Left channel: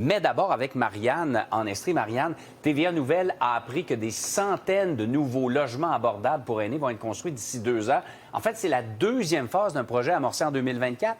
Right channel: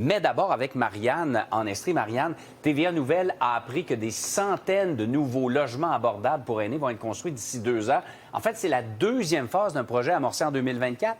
Mais d'abord avec Marianne en Estrie. Marianne, TVA Nouvelle a appris que des centaines de nouveaux logements abordables pour aînés vont être construits d'ici 2 ans. En fait, c'est la deuxième phase d'un projet amorcé en 2024.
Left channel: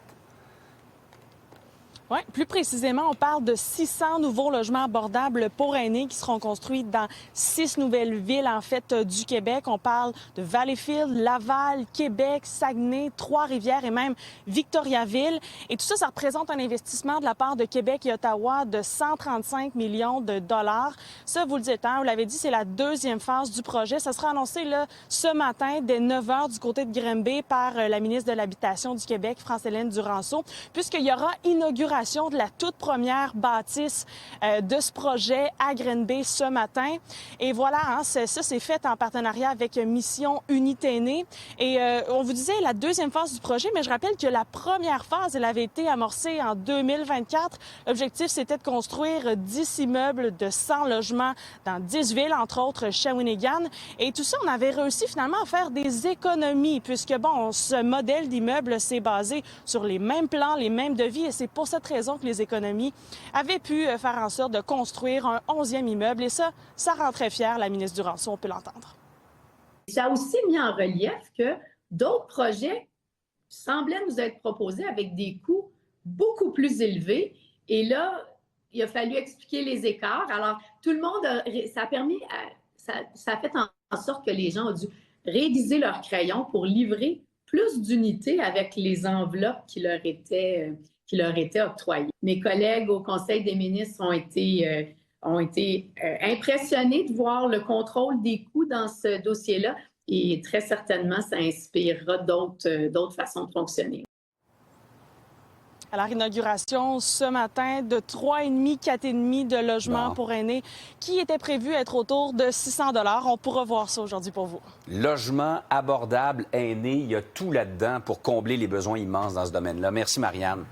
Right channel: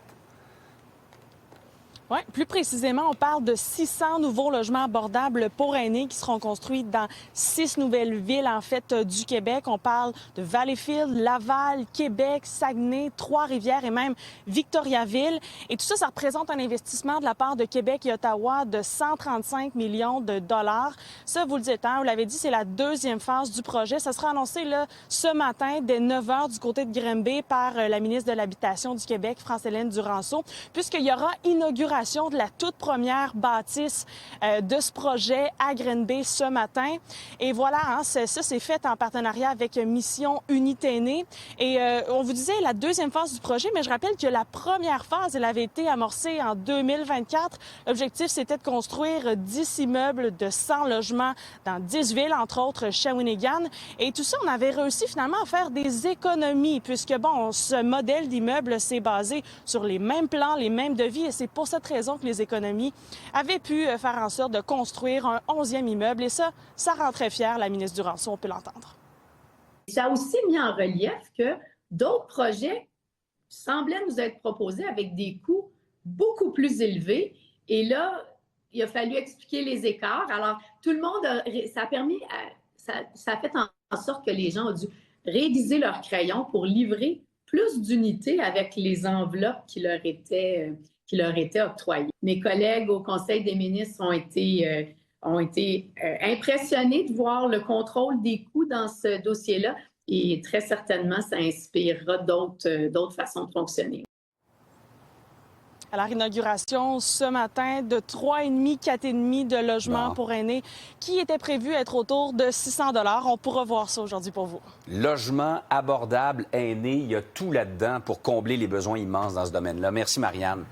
Oui, plus précisément, on parle de 600 nouveaux logements abordables pour aînés qui seront construits dans 6 nouvelles villes, en fait, du Québec. On parle de Valleyfield, Laval, Québec, Saguenay, Trois-Rivières et même Victoriaville. Et tout ça, ça représente un investissement de la part de Québec et Ottawa de 135 millions de dollars. Ça, vous le dites, hein, vous l'avez dit, c'est la deuxième phase du projet. Ça sera annoncé là, ce matin, dès 9 h du côté de Granby par la ministre de l'Habitation du Québec, France-Hélène Duranceau, puisqu'il y aura inauguration de la toute première bâtisse de ce projet à Granby ce matin. Et voilà, hein, ça c'est fait en partenariat avec Mission Unité Aînée. Et on vous disait la deuxième phase du projet, mais je rappelle que la première phase, elle avait été amorcée en 2024. L'objectif, c'était de construire 10 immeubles de 100 logements dans 10 villes, entre autres Shawinigan. Et tout ça, on avait réussi finalement à faire des économies, puisque, bon, ce modèle d'immeuble s'est basé sur les mêmes plans, les mêmes devis, et c'est pour cette raison que les économies avaient pu faire en sorte de construire un 11e immeuble. Et ça rend très fière la ministre Duranceau, on peut l'entendre. Ça a aussi mis en relief que d'autres projets semblaient nous être proposés avec des coûts beaucoup plus élevés. Et là, il a fallu expliquer les écarts. Alors, tout le monde, ça a permis, ça a fait en sorte que les gens ont dû réaiguiser leurs crayons pour livrer plus d'unités avec les enveloppes qui leur étaient octroyées. Mes collègues au Conseil des ministres ont été impressionnés de voir le contrôle des coûts dans ce dossier-là et très certainement, ça inspirera d'autres façons de fonctionner. À la réinauguration ce matin de 3,5, 4,5 de logements pour aînés qui étaient prévus être autour de 600 $. On pourra voir ça aujourd'hui pour vous. Logement abordable, aînés, il y a tout là-dedans pour combler les besoins immenses dans ce domaine-là. Merci, Marianne.